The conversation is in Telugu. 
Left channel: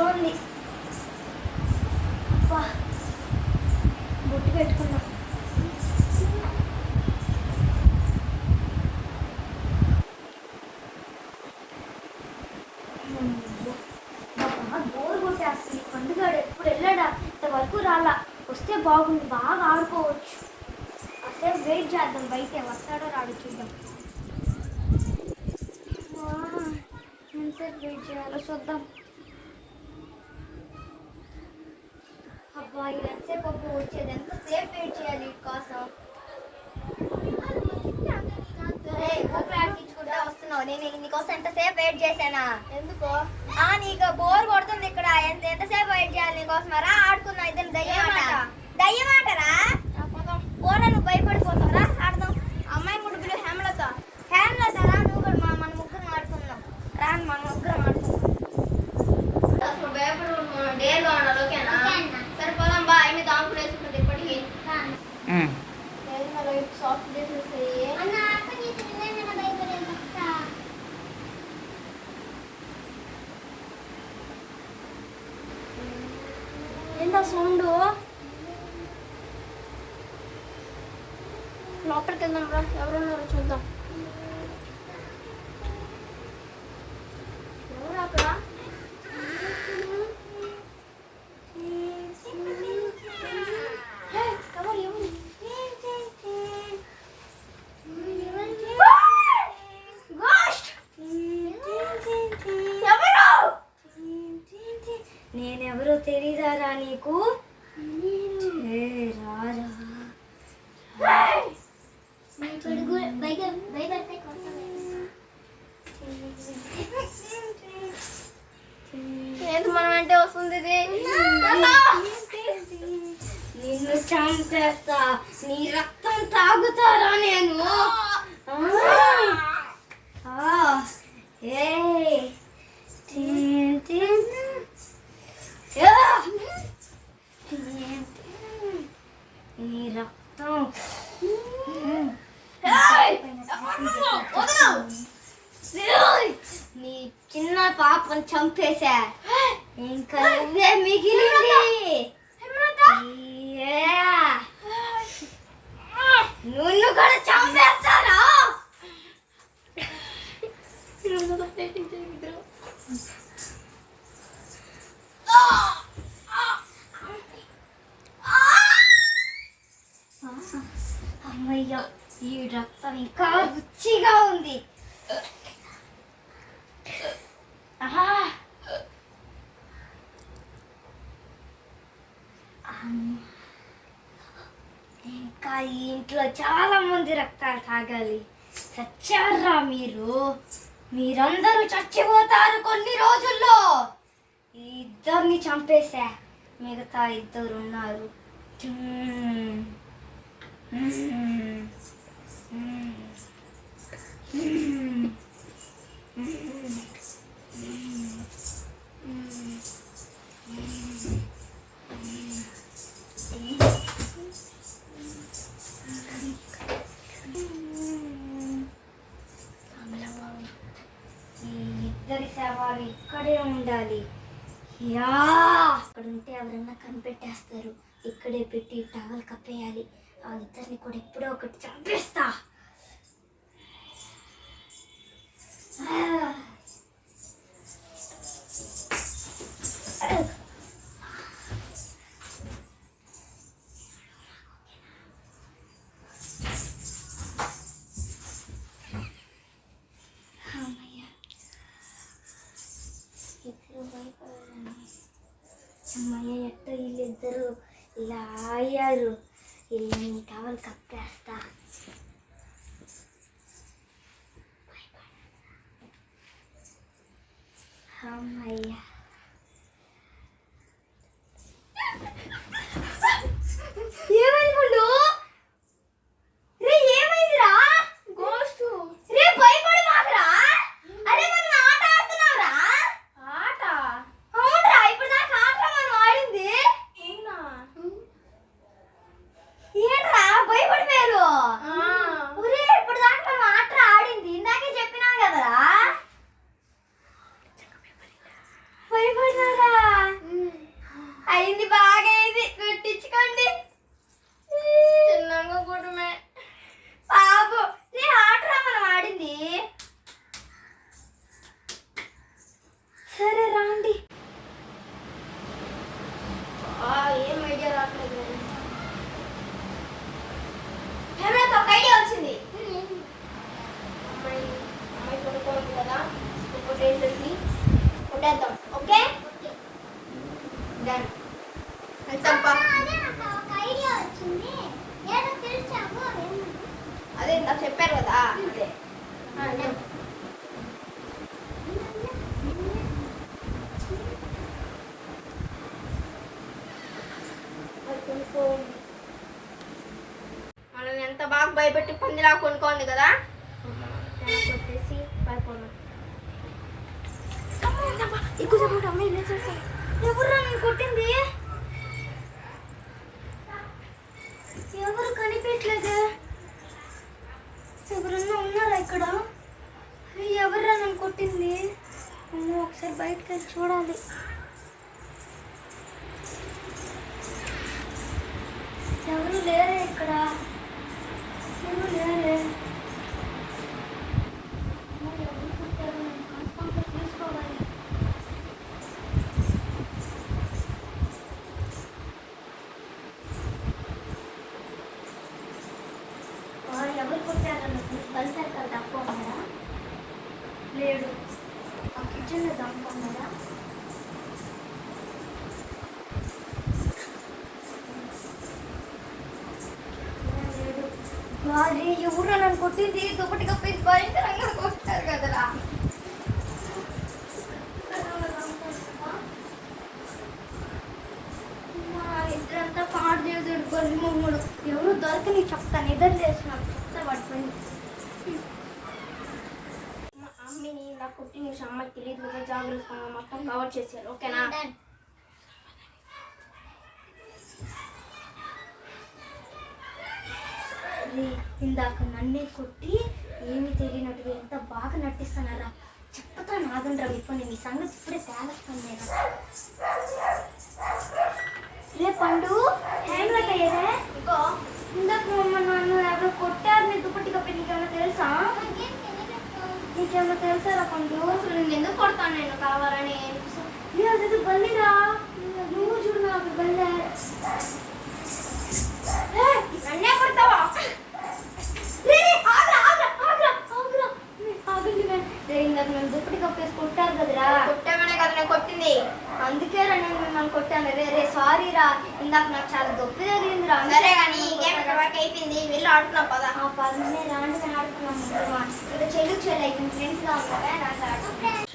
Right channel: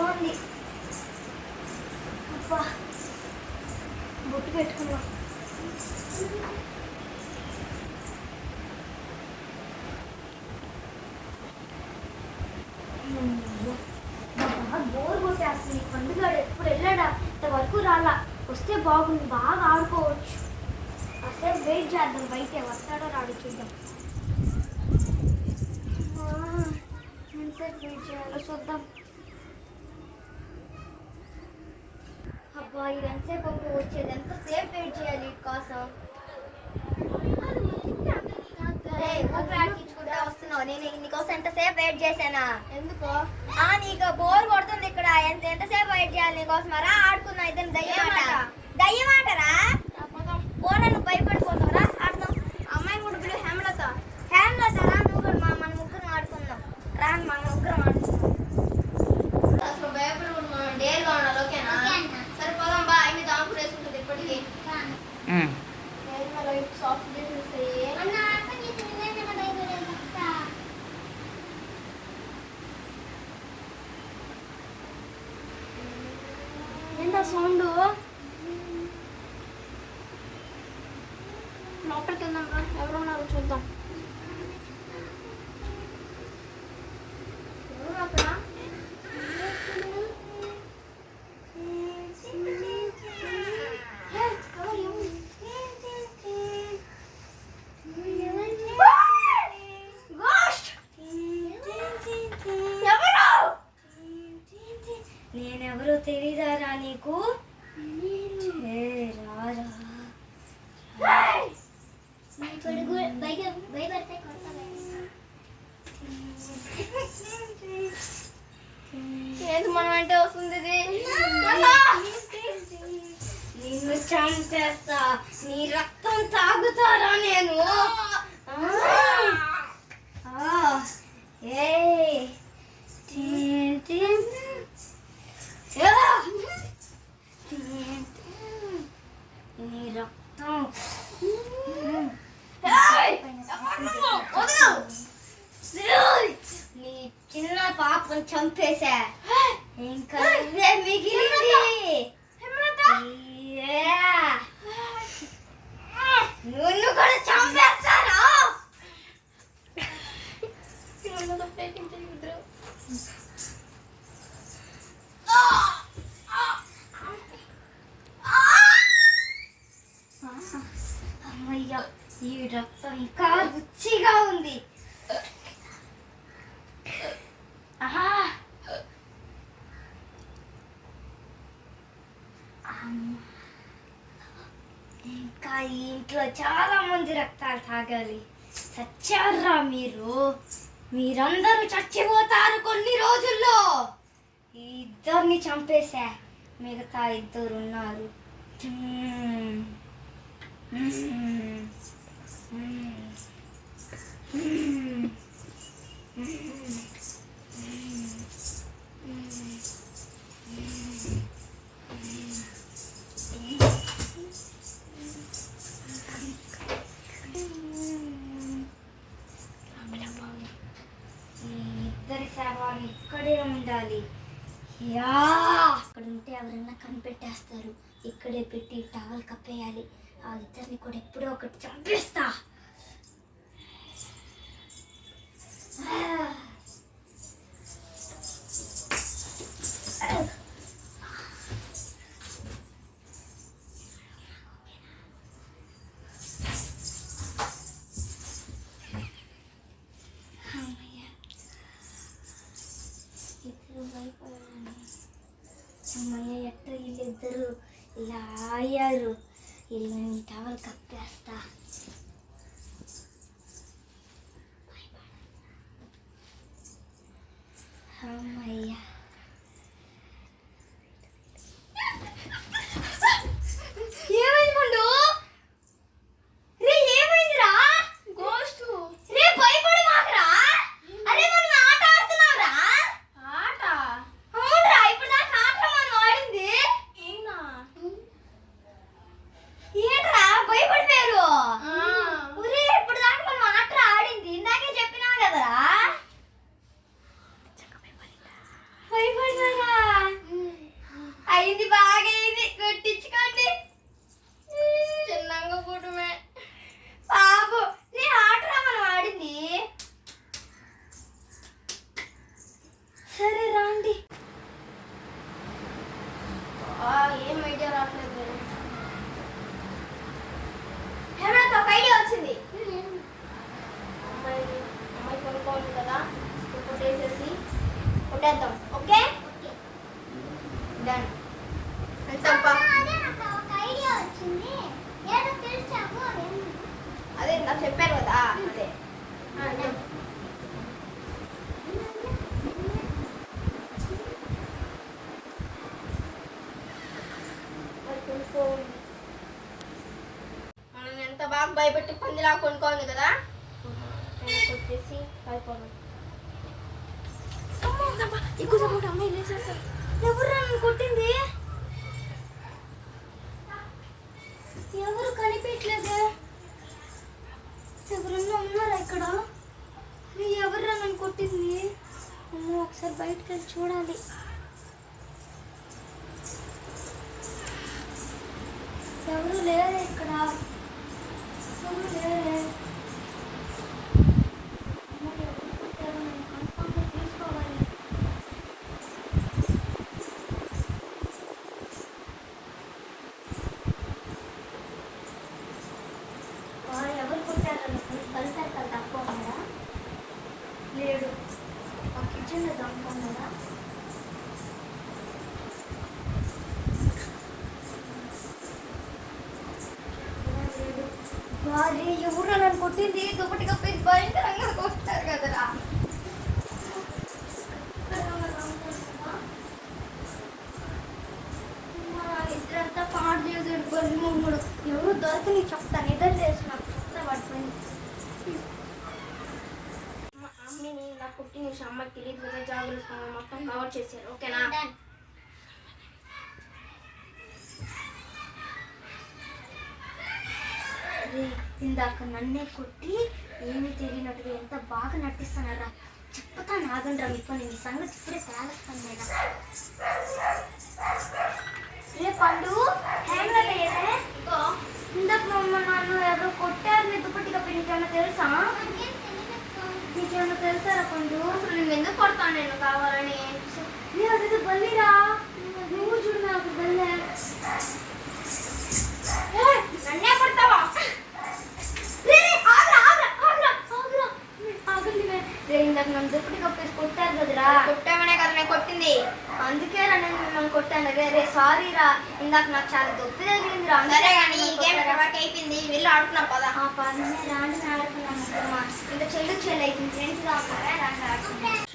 ఏదో ఉంది. అబ్బా బొట్టు పెట్టుకున్నాం. బోర్ కొట్టేస్తుంది. పండుగ ఎప్పుడు వెళ్ళాడా ఇంతవరకు రాలా. వస్తే బాగుంది, బాగా ఆడుకోవచ్చు. అసలు వెయిట్ చేద్దాం, బయట వస్తాడో రాడు చూద్దాం. ఎంతసేపు వెయిట్ చేయాలో చూద్దాం. అబ్బా ఇది ఎంతసేపు అప్పుడు వచ్చేది, ఎంతసేపు వెయిట్ చేయాలి వీటి కోసం. ప్రార్థించుకుంటా వస్తున్నావు, నేను నీకోసం ఎంతసేపు వెయిట్ చేశానా? ఎందుకో నీకు బోర్ కొడుతుంది ఇక్కడ. ఎంతసేపు వెయిట్ చేయాలి నీకోసం? రా ఆడుకున్నా. ఇద్దరు దయ్యమాటరా బోర్లో నువ్వు భయపడిపోతావురా. ఆడదాం. అమ్మాయిని ముగ్గురు హేమలత రా, నువ్వు కూడా మన ముగ్గురు ఆడుకున్నాం. రా మన ముగ్గురు ఆడుకున్నాం. అసలు భయపడి డేర్గా ఉండాలి. ఓకేనా? సరిపోదాం బా. అవి దాంకుడు వేసుకుంటుంది ఇప్పటికీ. సాఫ్ట్ ఏంటా సౌండ్? లోపలికి వెళ్దాం రా, ఎవరున్నారు చూద్దాం. ఎవరు అక్కడ? నేనెవరో తెలీదారా నీకు? రారా ఏది మనం అంటే వస్తుంది. నిన్ను చంపేస్తా, నీ రక్తం తాగుతారా నేను? నీ రక్తం నీ చిన్న పాపను చంపేశా, ఇంకా నువ్వే మిగిలింది. నువ్వు కూడా చంపేస్తారా? అమ్మయ్య, ఈ రక్తం ఇంకా రుచిగా ఉంది. ఇంకా ఈ ఇంట్లో చాలా మంది రక్తాలు తాగాలి. చచ్చారా మీరందరూ చచ్చిపోతారు కొన్ని రోజుల్లో. ఈ ఇద్దరిని చంపేశా, మిగతా ఇద్దరు ఉన్నారు. ఇద్దరి శవాలు ఇక్కడే ఉండాలి. అక్కడ ఉంటే ఎవరన్నా కనిపెట్టేస్తారు. ఇక్కడే పెట్టి టవల్ కప్పేయాలి. ఆ ఇద్దరిని కూడా ఎప్పుడో ఒకటి చంపేస్తా. అమ్మయ్య, ఎట్ట వీళ్ళిద్దరు ఇలా అయ్యారు. వీళ్ళని టవల్ కప్పేస్తా. అమ్మయ్య, ఏమైంది పండు? రే ఏమైందిరా? గోస్ట్. రే భయపడి మాకురా. అరే మనం ఆట ఆడుతున్నావురా. ఆట? అవునరా, ఇప్పుడు దాకా ఆట మనం ఆడింది. ఏంట్రా భయపడిపోయారు? ఒరే ఇప్పుడు దాకా మనం ఆట ఆడింది. ఇందాకే చెప్పినావు కదరా. ఆడేద్దాం. Okay done. అదే ఇంకా చెప్పారు కదా అదే. మనం ఎంత బాగా భయపెట్టి పందిలా కొనుక్కోండి కదా. వచ్చేసి పైపోను ఎవరు నన్ను కొట్టింది? ఎవరు కనిపించలేదు. ఎవరన్నా ఉన్నారా ఇక్కడ? ఎవరు నన్ను కొట్టింది? అమ్మో ఒకసారి బయటకు వెళ్ళి చూడాలి. ఎవరు లేరే ఇక్కడ, ఎవరు లేరే. ఎవరు కొట్టారు నన్ను కన్ఫర్మ్గా తీసుకోవాలి. ఎవరు కొట్టారు? బలిసారు కదా తక్కువ లేడు. ఆ కిచెన్లో దమ్ముకున్నాడా? ఎవరు నన్ను కొట్టింది? దుప్పటి కప్పేసి భయంకరంగా కొట్టారు కదరా. ఇద్దరంతా పాడు మూడు ఎవరు దొరికి నీకు చెప్తాను. ఇద్దరు చేసిన చెప్తా పడుతుంది. అమ్మని నా కుట్టి నుంచి అమ్మకి తెలియదు కదా, జాగ్రత్తగా మొత్తం కవర్ చేశారు. ఓకేనా? ఇందాక నన్నే కొట్టి ఏమి తెలియనట్టుగా ఎంత బాగా నటిస్తున్నారా. చెప్తాను ఆగండి రా మీకు. నేను ఈ సంగతి ఇప్పుడే తేలుస్తాను. నేను రే పండు హ్యాండ్ వర్క్ అయ్యేదే. ఇందాక నన్ను ఎవరు కొట్టారు నీ దుప్పటి కప్పి. నీకేమైనా తెలుసా? నీకేమైనా తెలుసారా పండు? అసలు నేను ఎందుకు కొడతాను నేను కావాలని? లేదు బల్లిరా, నువ్వు చూడు నాకు బల్లే. నన్నే కొడతావా? ఇందాక నన్ను దుప్పటి కప్పేసి కొట్టారు కదరా. కొట్టామనే కదా నేను కొట్టింది. అందుకే రా నేను మిమ్మల్ని కొట్టాను. రే సారీ రా, ఇందాక నాకు చాలా దొప్పి జరిగింది రా. సరే కానీ ఈ గేమ్ అయిపోయింది, వెళ్ళి ఆడుకున్నాం పదా. పదమే రాండి ఆడుకున్నాం. ఇంకా చెల్లు చెల్లి ఫ్రెండ్స్ గా ఉన్నారా.